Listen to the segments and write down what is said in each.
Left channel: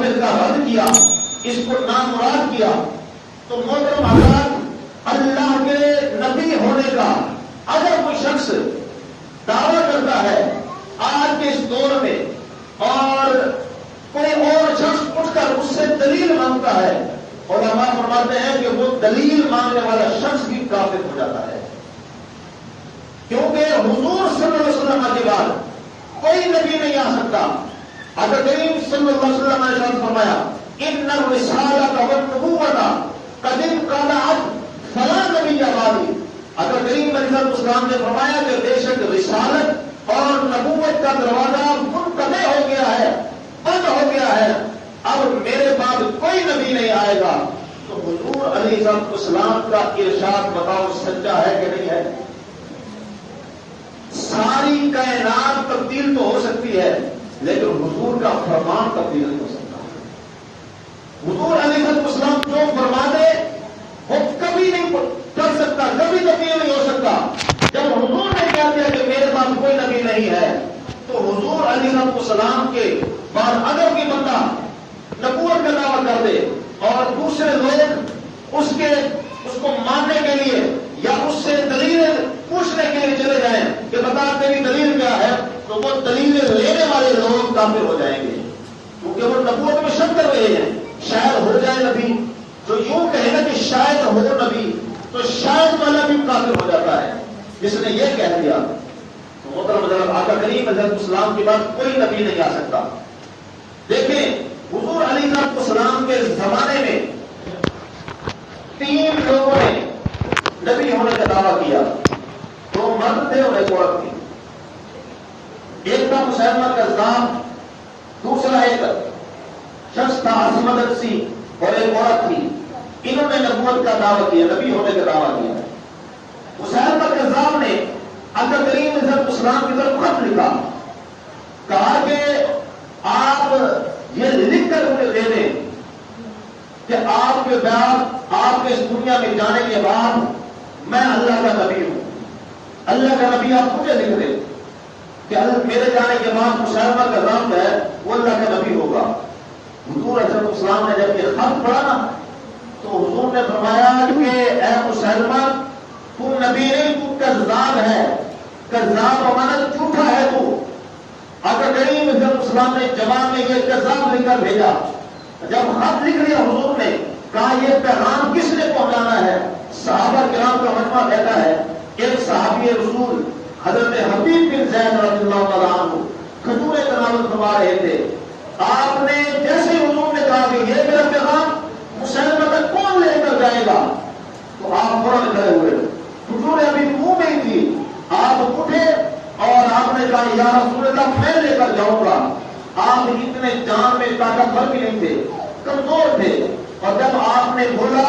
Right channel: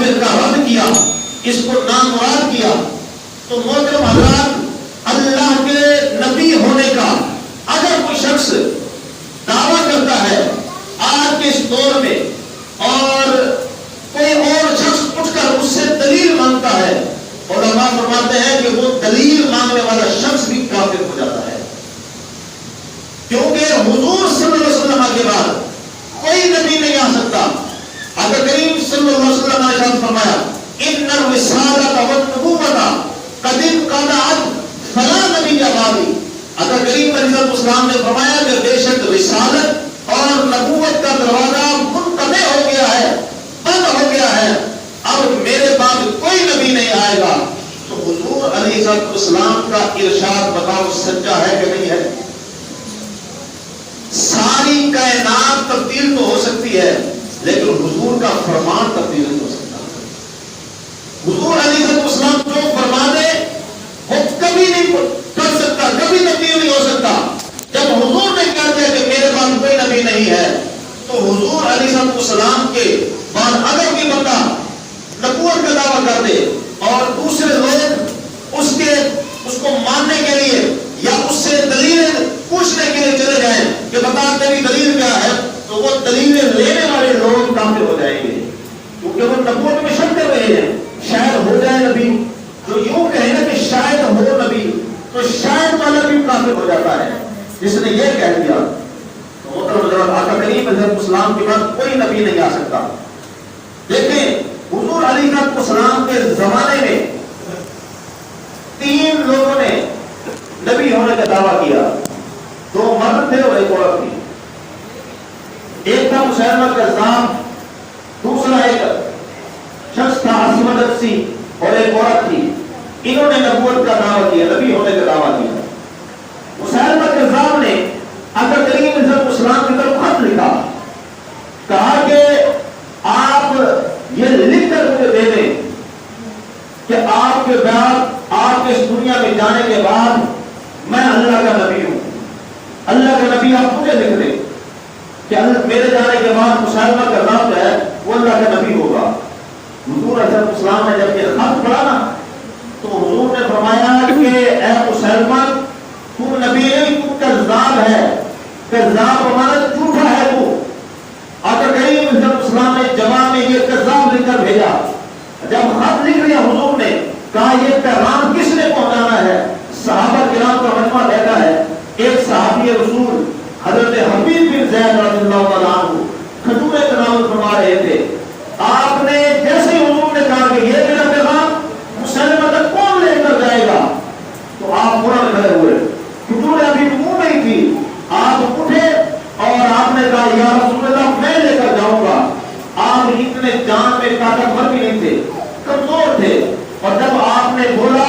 قابل کا رد کیا، اس کو نامراد کیا، تو محترم حضرات اللہ کے نبی ہونے کا اگر کوئی شخص دعویٰ کرتا ہے آج کے اس دور میں اور کوئی اور شخص اٹھ کر اس سے دلیل مانگتا ہے، علماء فرماتے ہیں کہ وہ دلیل مانگنے والا شخص بھی کافر ہو جاتا ہے، کیونکہ حضور صلی اللہ علیہ وسلم کے بعد کوئی نبی نہیں آ سکتا۔ آقا کریم صلی اللہ علیہ وسلم نے ارشاد فرمایا ان الرسالۃ والنبوۃ قد انقطعت فلا نبی بعدی۔ آقا کریم علیہ السلام نے فرمایا کہ بے شک رسالت اور نبوت کا دروازہ منقطع ہو گیا ہے، بند ہو گیا ہے، اب میرے بعد کوئی نبی نہیں آئے گا۔ تو حضور علیہ السلام کا ارشاد بتاؤ سچا ہے کہ نہیں ہے؟ ساری کائنات تبدیل تو ہو سکتی ہے لیکن حضور کا فرمان تبدیل نہیں ہو سکتا۔ حضور علیہ السلام جو فرما دے وہ کبھی نہیں کر سکتا، کبھی تبدیل نہیں ہو سکتا۔ جب حضور نے کہا دیا کہ میرے بعد کوئی نبی نہیں ہے تو حضور علیہ السلام کے بعد اگر کوئی بندہ نبوت کا دعویٰ کر دے اور دوسرے لوگ اس کو ماننے کے لیے یا اس سے دلیل پوچھنے کے لیے چلے جائیں کہ بتا تیری دلیل کیا ہے، تو وہ دلیلیں لینے والے لوگ کافر ہو جائیں گے، کیونکہ وہ نبوت میں شک کر رہے ہیں شاید ہو جائے نبی۔ جو یوں کہے نا کہ شاید ہو نبی، تو شاید والا بھی کافر ہو جاتا ہے جس نے یہ کہہ دیا۔ محترم حضرات آقا کریم علیہ السلام کے بعد کوئی نبی نہیں آ سکتا۔ دیکھیں حضور علیہ السلام کے زمانے میں 3 لوگوں نے نبی ہونے کا دعویٰ کیا، 2 مرد تھے اور 1 عورت تھی۔ ایک تھا مسیلمہ کذاب، دوسرا ایک شخص تھا عاصمہ دقسی اور ایک عورت تھی۔ انہوں نے نبوت کا دعویٰ کیا، نبی ہونے کا دعویٰ کیا۔ مسیلمہ کذاب نے آقا کریم علیہ السلام کی طرف خط لکھا، کہا کہ آپ یہ لکھ کر مجھے دے دیں کہ آپ کے بعد، آپ کے اس دنیا میں جانے کے بعد میں اللہ کا نبی ہوں۔ اللہ کا نبی آپ مجھے لکھ دیں کہ میرے جانے کے بعد مسلمہ کا نام ہے وہ اللہ کا نبی ہوگا۔ حضور علیہ السلام نے جب یہ خط پڑھا نا تو حضور نے فرمایا کہ اے مسلمہ تو نبی نہیں، تو کذاب ہے، کذاب ہمارا جھوٹا ہے تو۔ آقا کریم علیہ السلام نے جواب میں یہ کذاب لکھ کر بھیجا۔ جب خط لکھ لیا حضور نے کہا یہ پیغام کس نے پہنچانا ہے؟ صحابہ کرام کا مجمع بیٹھا ہے۔ ایک صحابی رسول حضرت حبیب بن زید رضی اللہ تعالیٰ عنہ کھجوریں تناول فرما رہے تھے۔ آپ نے جیسے ہی حضور نے کہا کہ یہ میرا پیغام مسلمہ تک کون لے کر جائے گا، تو آپ فوراً کھڑے ہوئے، کھجوریں ابھی منہ میں ہی تھی، آپ اٹھے اور آپ نے کہا یا رسول اللہ میں لے کر جاؤں گا۔ آپ اتنے جان میں طاقتور بھی نہیں تھے، کمزور تھے، اور جب آپ نے بولا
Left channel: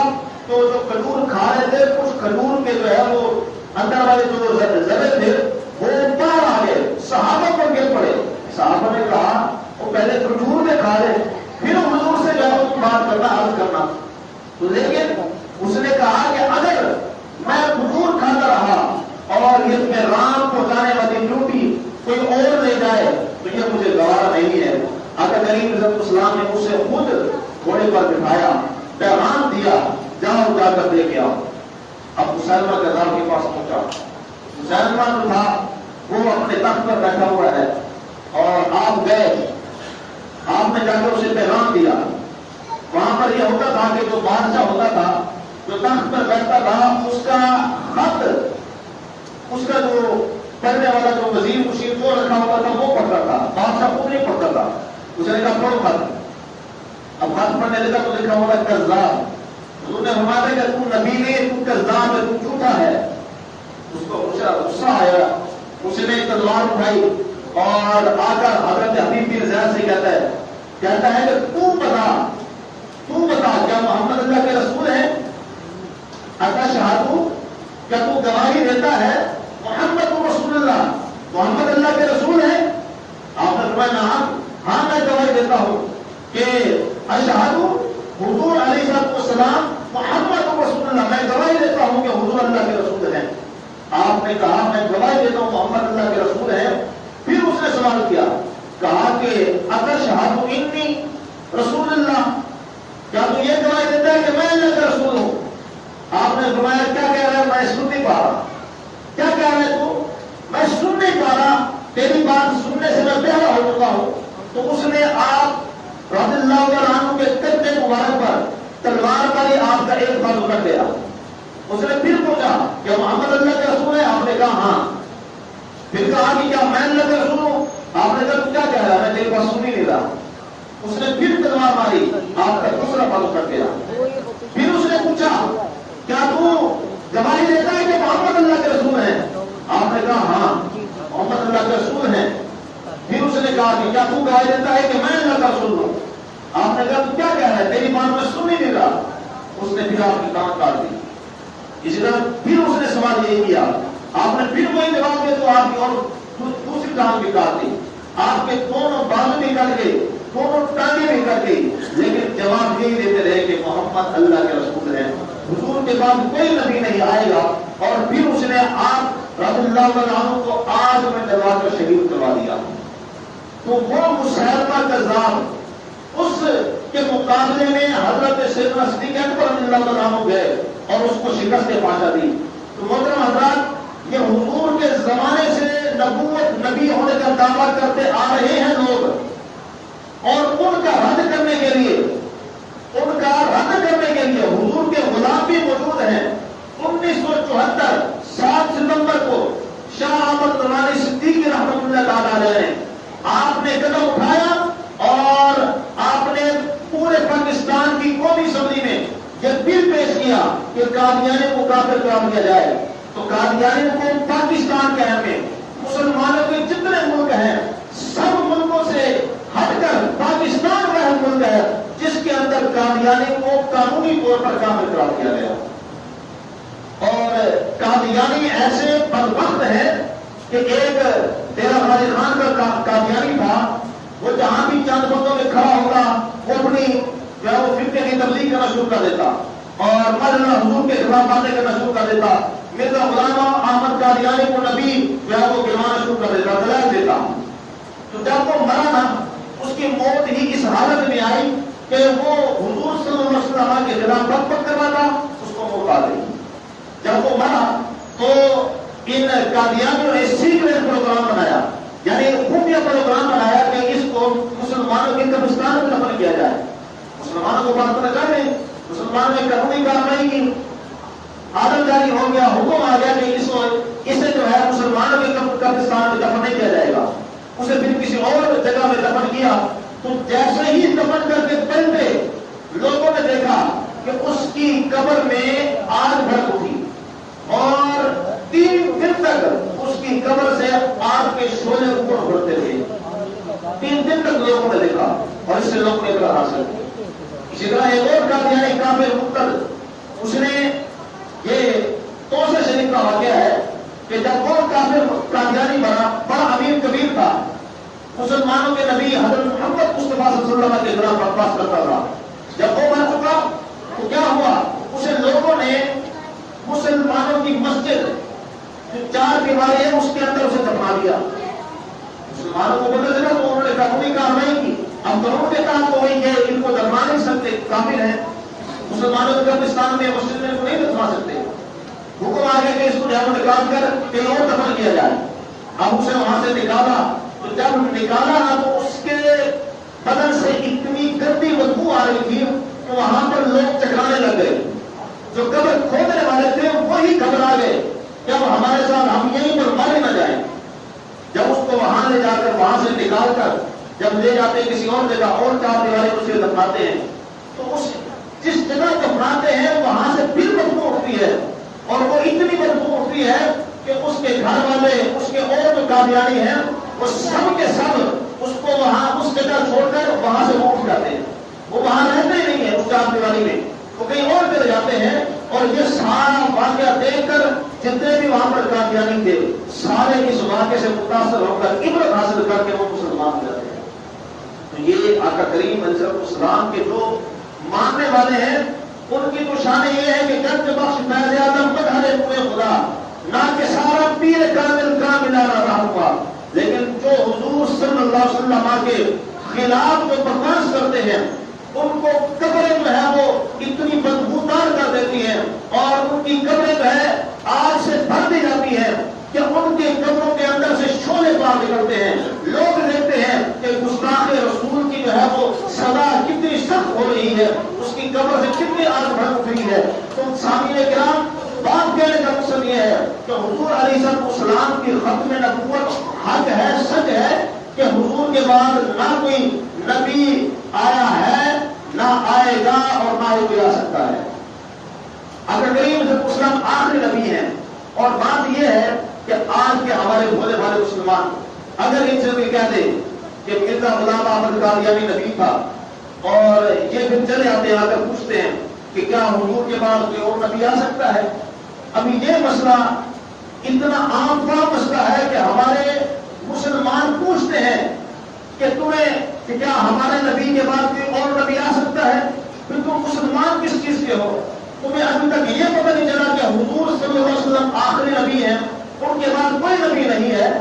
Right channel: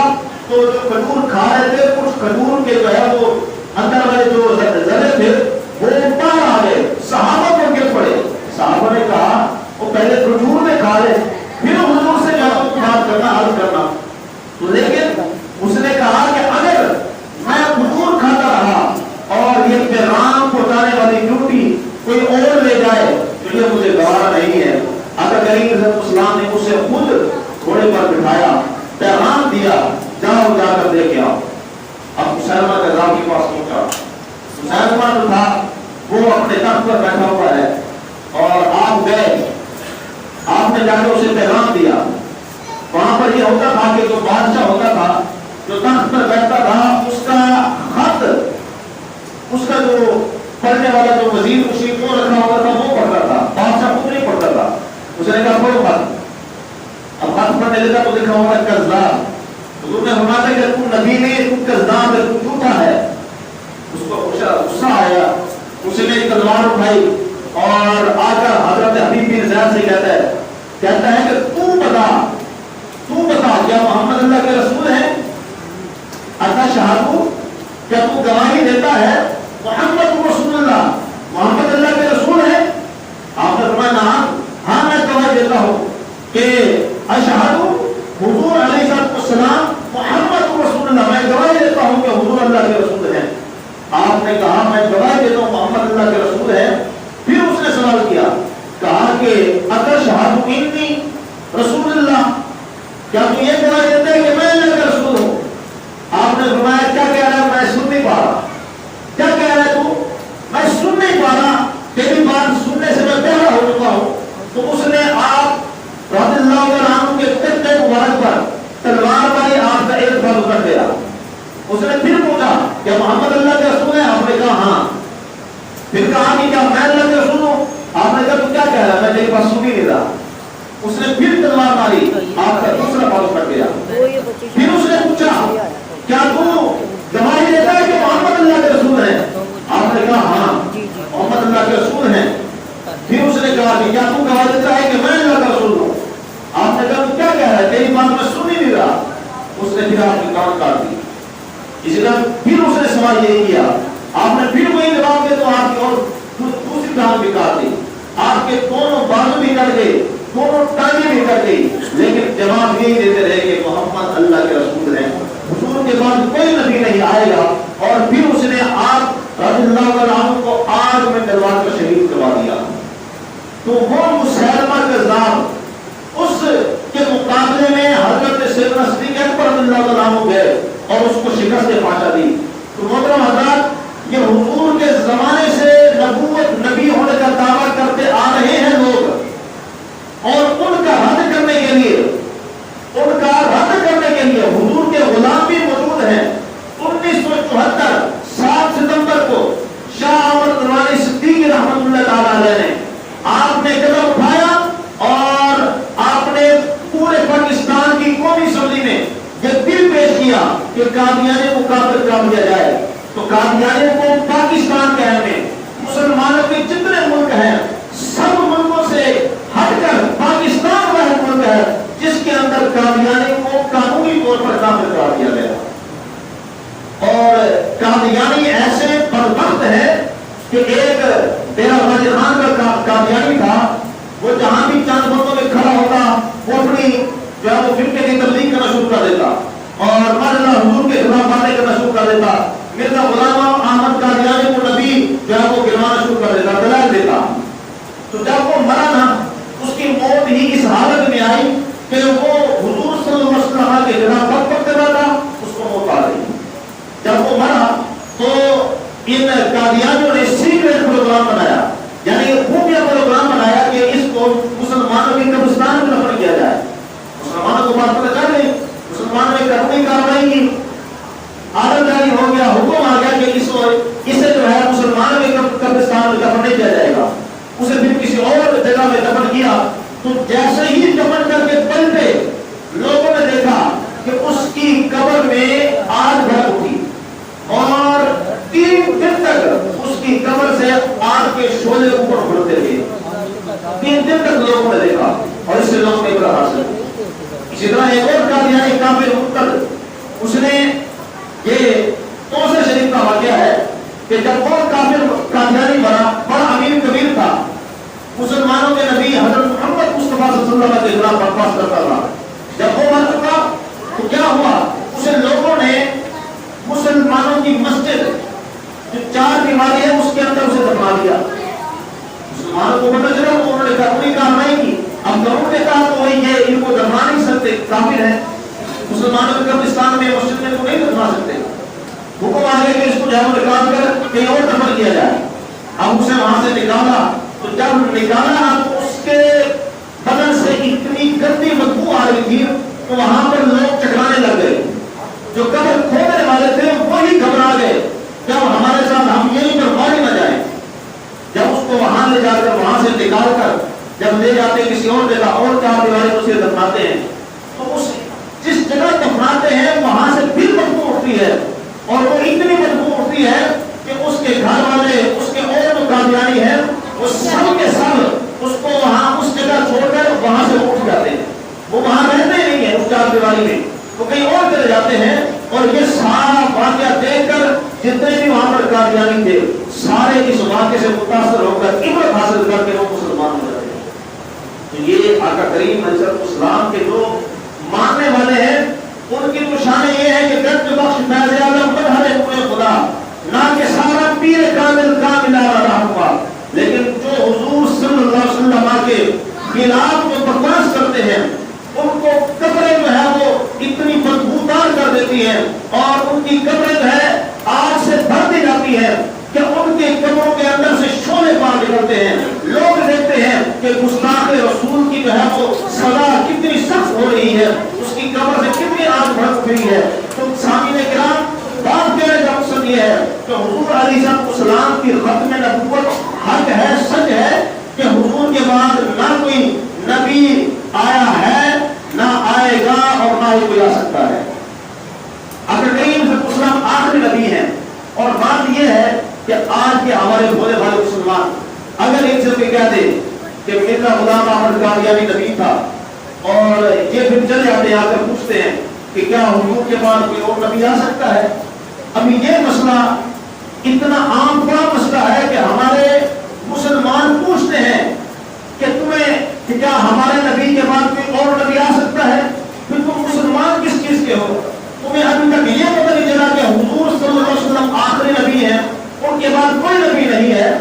تو جو کھجور کھا رہے تھے اس کھجور کے جو ہے وہ اندر والے جو ذرے تھے وہ باہر آ گئے، صحابہ کو گر پڑے۔ صحابہ نے کہا وہ پہلے کھجور میں کھا لے پھر حضور سے جواب بات کرنا، عرض کرنا۔ تو لیکن اس نے کہا کہ اگر میں کھجور کھاتا رہا اور یہ پیغام پہنچانے والی ڈیوٹی کوئی اور لے جائے تو یہ مجھے گوارا نہیں ہے۔ آقا کریم علیہ السلام نے اسے خود گھوڑے پر بٹھایا، پیغام دیا، جاؤ جا کر دے کے آؤ۔ اب مسلمہ کذاب کے پاس پہنچا، مسلمہ جو تھا وہ اپنے تخت پر بیٹھا ہوا ہے اور آپ گئے، آپ نے جا کے اسے پیغام دیا۔ وہاں پر یہ ہوتا تھا کہ جو بادشاہ ہوتا تھا جو تخت پر بیٹھتا تھا اس کا خط، اس کا جو پڑھنے والا جو وزیر مشیر جو رکھا ہوا تھا وہ پڑھتا تھا، بادشاہ خود نہیں پڑھتا تھا۔ اس نے کہا پڑھو خط۔ اب خط پڑھنے لگا تو لکھا ہوا ہے کذاب۔ حضور نے فرمایا کہ تم نبی نہیں، تم کذاب ہے، تم جھوٹا ہے۔ اس کو غصہ آیا، اس نے تلوار اٹھائی اور آ کر حضرت حبیب بن زید سے کہتا ہے کہ تو بتا کیا محمد اللہ کے رسول ہیں؟ اتشہدو، کیا تو گواہی دیتا ہے محمد رسول اللہ، محمد اللہ کے رسول ہیں؟ آپ نے فرمایا ہاں میں گواہی دیتا ہوں کہ اشہدو حضور علیہ السلام محمد رسول اللہ، میں گواہی دیتا ہوں کہ حضور اللہ کے رسول ہیں۔ آپ نے کہا میں گواہی دیتا ہوں محمد اللہ کے رسول ہیں۔ پھر اس نے سوال کیا، کہا کہ اتشہدو انی، رسول اللہ، کیا تو یہ گواہی دیتا ہے کہ میں اللہ کا رسول ہوں؟ آپ نے فرمایا کیا کہہ رہا ہے؟ میں سن نہیں پا رہا۔ کیا کہہ رہا ہے تو؟ میں سن نہیں پا رہا، تیری بات سننے سے میں بہرا ہو چکا ہوں۔ تو اس نے آپ رضی اللہ تعالیٰ عنہ کے کندھے مبارک پر تلوار ماری، آپ کا ایک بازو کر دیا۔ اس نے پھر پوچھا کیا محمد اللہ کے رسول ہے؟ آپ نے کہا ہاں۔ پھر کہا کہ کیا میں اللہ کے رسول ہوں؟ آپ نے کہا تو کیا کہہ رہا ہے؟ میں تیری بات سن ہی نہیں رہا۔ اس نے پھر تلوار ماری، آپ کا دوسرا بازو کٹ گیا۔ پھر اس نے پوچھا کیا تو گواہی دیتا ہے کہ محمد اللہ کے رسول ہیں؟ آپ نے کہا ہاں محمد اللہ کے رسول ہیں۔ پھر اس نے کہا کہ کیا تو گواہی دیتا ہے کہ میں اللہ کا رسول ہوں؟ آپ نے کہا تو کیا کہہ رہا ہے؟ تیری بات میں سن ہی نہیں رہا۔ اس نے پھر آپ کی کان کاٹ دی۔ اسی طرح پھر اس نے سوال یہ کیا، آپ نے پھر وہی جواب دے تو آپ کی اور دوسری کان بھی کاٹ دی، آپ کے دونوں بازو بھی کٹ گئے، دونوں ٹانگیں بھی کٹ گئی، لیکن جواب یہی دیتے رہے کہ محمد اللہ کے رسول ہیں۔ حضور کے بعد کوئی نبی نہیں آئے گا۔ اور پھر اس نے آپ رضی اللہ عنہ کو آگ میں ڈلوا کر شہید کروا دیا۔ تو وہ مسیلمہ کذاب، اس کے مقابلے میں حضرت سیدنا صدیق اکبر رضی اللہ عنہ گئے اور اس کو شکست پہنچا دی۔ تو محترم حضرات، یہ حضور کے زمانے سے نبوت نبی ہونے کا دعویٰ کرتے آ رہے ہیں لوگ، اور ان کا رد کرنے کے لیے حضور کے غلام بھی موجود ہیں۔ 1974 7 ستمبر کو شاہ احمد نورانی صدیقی رحمۃ اللہ تعالی علیہ نے آپ نے قدم اٹھایا اور آپ نے پورے پاکستان کی قومی اسمبلی میں یہ بل پیش کیا کہ قادیانی کو کافر قرار دیا جائے۔ تو قادیانی کو پاکستان کے میں مسلمانوں کے جتنے ملک ہیں سب ملکوں سے ہٹ کر پاکستان واحد ملک ہے جس کے اندر قادیانی کو قانونی طور پر کافر قرار دیا گیا۔ اور قادیانی ایسے بدبخت ہے کہ ایک تیرا غازی خان کا قادیانی تھا، وہ جہاں بھی چند بندوں میں کھڑا ہوتا وہ اپنی جو ہے وہ فرقے کی تبلیغ کرنا شروع کر دیتا اور مرزا حضور کے خلاف باتیں کرنا شروع کر دیتا۔ مرزا غلام احمد قادیانی کو نبی جو ہے وہ گروانا شروع کر دیتا، دلائل دیتا۔ تو جب وہ مرا نا، اس کی موت ہی اس حالت میں آئی کہ وہ حضور صلی اللہ علیہ وسلم کے خلاف بغاوت کر رہا تھا، اس کو موت آ گئی۔ جب وہ مرا تو ان قادیانیوں نے سیکریٹ پروگرام بنایا، یعنی خفیہ پروگرام بنایا کہ اس کو مسلمانوں کے قبرستان میں دفن کیا جائے۔ مسلمانوں کو بات پتہ چل گئی، مسلمانوں نے قانونی کارروائی کی، آرڈر جاری ہو گیا، حکم آ گیا کہ اسے جو ہے مسلمانوں کے قبرستان میں دفن نہیں کیا جائے گا۔ اسے پھر کسی اور جگہ میں دفن کیا۔ تو جیسے ہی دفن کر کے پلٹے، لوگوں نے دیکھا کہ اس کی قبر میں آگ بھڑک اٹھی اور 3 دن تک اس کی قبر سے آگ کے شعلے اوپر اڑتے تھے۔ 3 دن تک لوگوں نے دیکھا اور اس سے لوگوں نے عبرت حاصل کی۔ اسی طرح ایک اور قادیانی کافر مرتد، اس نے یہ توسہ شریف کا واقعہ ہے کہ جب وہ کافر قادیانی بڑا امیر کبیر تھا، مسلمانوں کے نبی حضرت محمد مصطفیٰ صلی اللہ علیہ وسلم کے خلاف بکواس کرتا تھا، جب وہ مر چکا تو کیا ہوا، اسے لوگوں نے مسلمانوں کی مسجد جو 4 دیواری ہے اس کے اندر اسے دفنا دیا۔ مسلمانوں کو پتہ چلا تو انہوں نے قانونی کارروائی کی۔ اب قانون نے کہا تو وہی ہے، ان کو دفنا نہیں سکتے، کافر ہیں، مسلمانوں کے قبرستان میں مسجد میں کو نہیں دفنا سکتے۔ حکم آ گیا کہ اس کو جو ہے وہ نکال کر کہیں اور دفن کیا جائے۔ اب اسے وہاں سے نکالا تو جب نکالا تو اس کے بدن سے اتنی گندی بدبو آ رہی تھی تو وہاں پر لوگ چکرانے لگ گئے۔ جو قبر کھودنے والے تھے وہی گھبرا گئے، جب ہمارے ساتھ ہم یہیں پر مر نہ جائیں۔ جب اس کو وہاں لے جا کر وہاں سے نکال کر جب لے جاتے ہیں کسی اور جگہ اور 4 دیواری اسے دفناتے ہیں تو اس جس جگہ دفناتے ہیں وہاں سے پھر بدبو اٹھتی ہے، اور وہ اتنی بدبو اٹھتی ہے کہ اس کے گھر والے، اس کے اور جو قادیانی ہیں وہ سب کے سب اس کو وہاں اس جگہ چھوڑ کر وہاں سے اٹھ جاتے ہیں۔ وہ وہاں رہتے نہیں ہیں اس 4 دیواری میں، وہ کہیں اور چلے جاتے ہیں۔ اور یہ سارا واقعہ دیکھ کر جتنے بھی وہاں پر قادیانی تھے سارے اس واقعے سے متاثر ہو کر عبرت حاصل کر کے وہ مسلمان ہو گئے۔ تو یہ آقا کریم علیہ السلام کے جو ماننے والے ہیں ان کی تو شان یہ ہے کہ گنج بخش فیض اعظم مظہر نور خدا، نہ کہ سارا پیر کامل کامل رہا ہوا، لیکن جو حضور صلی اللہ علیہ وسلم کے خلاف جو بکواس کرتے ہیں کی قبریں جو ہے آج سے بھر دی جاتی ہیں کہ ان کے قبروں کے اندر سے شعلے باہر نکلتے ہیں. لوگ دیکھتے ہیں کہ گستاخ رسول کی جو ہے وہ سزا کتنی سخت ہو رہی ہے, اس کی قبر سے کتنی آگ بھڑک رہی ہے. تو سامعین کرام, بات کہنے کا مقصد یہ ہے کہ حضور علیہ السلام کی ختم نبوت حق ہے, سچ ہے کہ حضور کے بعد نہ کوئی نبی آیا ہے, نہ آئے گا, اور نہ ہی کوئی آ سکتا ہے. اگر کریم صلی اللہ علیہ وسلم آخری نبی ہیں. اور بات یہ ہے کہ آج کے ہمارے بھولے بھالے مسلمان اگر ان سے بھی کہہ دے کہ مرزا غلام احمد قادیانی نبی تھا, اور یہ پھر چلے آتے ہیں, آ کر پوچھتے ہیں کہ کیا حضور کے بعد کوئی اور نبی آ سکتا ہے. ابھی یہ مسئلہ اتنا عام مسئلہ ہے کہ ہمارے مسلمان پوچھتے ہیں کہ تمہیں کہ کیا ہمارے نبی کے بعد کوئی اور نبی آ سکتا ہے. پھر تم مسلمان کس چیز کے ہو؟ تمہیں ابھی تک یہ پتہ نہیں چلا کہ حضور صلی اللہ علیہ وسلم آخری نبی ہیں, ان کے بعد کوئی نبی نہیں ہے,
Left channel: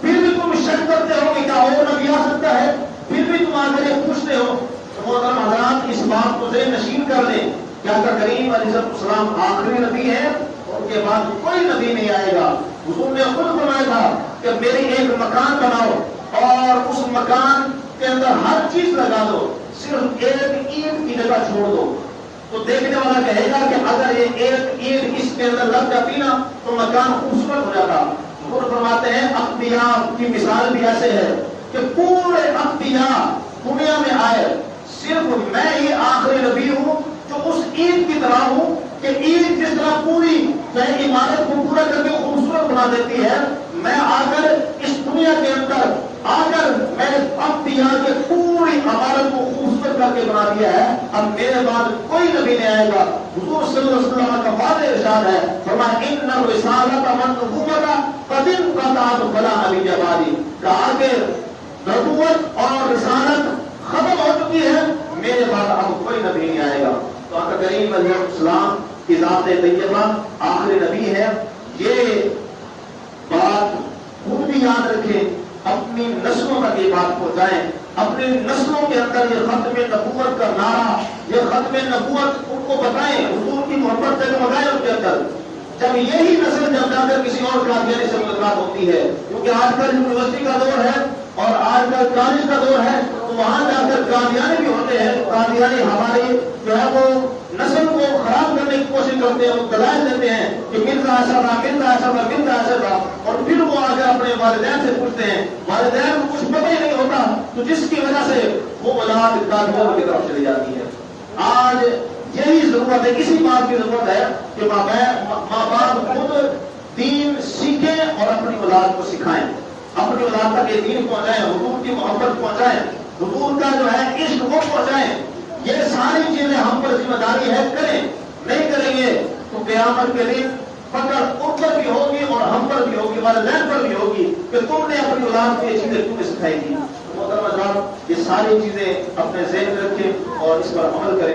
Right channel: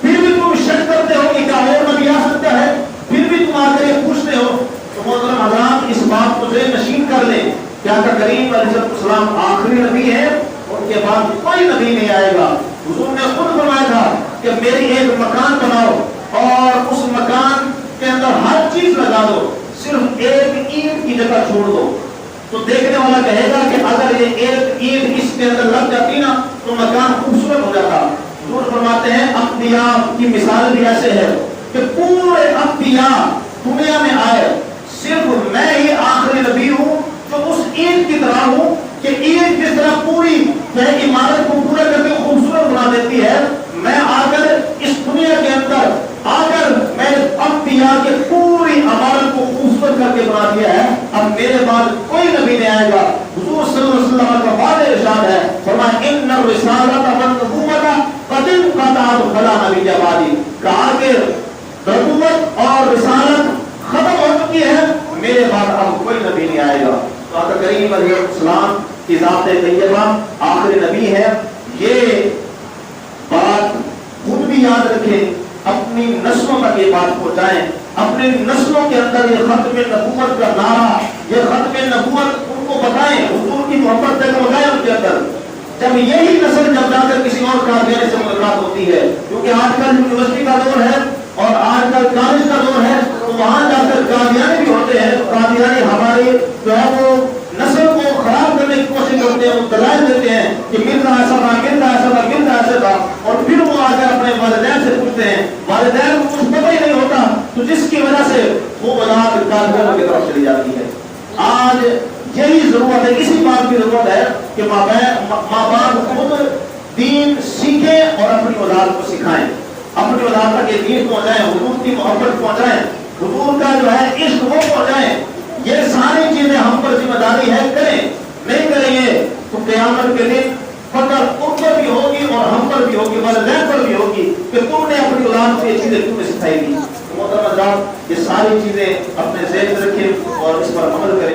پھر بھی تم شک کرتے ہو کہ کیا اور نبی آ سکتا ہے, پھر بھی تم آ کر یہ پوچھتے ہو. تو محترم حضرات, اس بات کو ذہن نشین کر لیں کہ آقا کریم علیہ السلام آخری نبی ہے, ان کے بعد کوئی نبی نہیں آئے گا. حضور نے خود فرمایا تھا کہ میری ایک مکان بناؤ اور اس مکان کے اندر ہر چیز لگا دو, صرف ایک اینٹ کی جگہ چھوڑ دو. تو دیکھنے والا کہے گا کہ اگر یہ ایک اینٹ اس کے اندر لگ جاتی نا تو مکان خوبصورت ہو جاتا. حضور فرماتے ہیں انبیاء کی مثال بھی ایسے ہے کہ پورے انبیاء دنیا میں آئے, صرف میں ہی آخری نبی ہوں جو اس اینٹ کی طرح ہوں کہ اینٹ جس طرح پوری عمارت کو پورا کر کے خوبصورت بنا دیتی ہے, میں آ کر اس دنیا کے اندر آ کر میں انبیاء کے پوری عمارت کو خوبصورت کر کے بنا دیا ہے. اب میرے بعد کوئی نبی نہیں آئے گا. حضور صلی اللہ علیہ وسلم کا واضح ارشاد ہے, فرمایا ان الرسالۃ والنبوۃ قد انقطعت فلا نبی بعدی, کہا کہ نبوت اور رسالت ختم ہو چکی ہے, میرے بعد اب کوئی نبی نہیں آئے گا. تو آقا کریم علیہ السلام کی ذات طیبہ آخری نبی ہے. یہ بات خود بھی یاد رکھیں, اپنی نسلوں تک یہ بات پہنچائیں, اپنی نسلوں کے اندر یہ ختم نبوت کا نعرہ, یہ ختم نبوت ان کو بتائیں, حضور کی محبت سے لگائیں ان کے اندر. جب یہی نسل جب جا کر کسی اور قادیانی سے ملاقات ہوتی ہے, کیونکہ آج کل یونیورسٹی کا دور ہے اور آج کل کالج کا دور ہے, تو وہاں جا کر قادیانی بھی ہوتے ہیں. قادیانی ہمارے جو ہے وہ نسل کو خراب کرنے کی کوشش کرتے ہیں, وہ دلائل دیتے ہیں کہ مرزا ایسا تھا, مرزا ایسا تھا, مرزا ایسا تھا, اور پھر وہ آ کر اپنے والدین سے پوچھتے ہیں, والدین کو کچھ پتہ ہی نہیں ہوتا, تو جس کی وجہ سے وہ اولاد قادیانوں کی طرف چلی جاتی ہے. آج یہی ضرورت ہے, اسی بات کی ضرورت ہے کہ ماں باپ خود دین سیکھیں اور اپنی اولاد کو سکھائیں, اپنی اولاد تک یہ دین پہنچائیں, حضور کی محبت پہنچائیں, حضور کا جو ہے عشق وہ پہنچائیں. یہ ساری چیزیں ہم پر ذمہ داری ہے, کریں. نہیں کریں گے تو قیامت کے دن فقر ان پر بھی ہوگی اور ہم پر بھی ہوگی, والدین پر بھی ہوگی کہ تم نے اپنی اولاد سے یہ چیزیں تمہیں سکھائی دی. محترم حضرات, یہ ساری چیزیں اپنے ذہن میں رکھیں اور اس پر عمل کریں.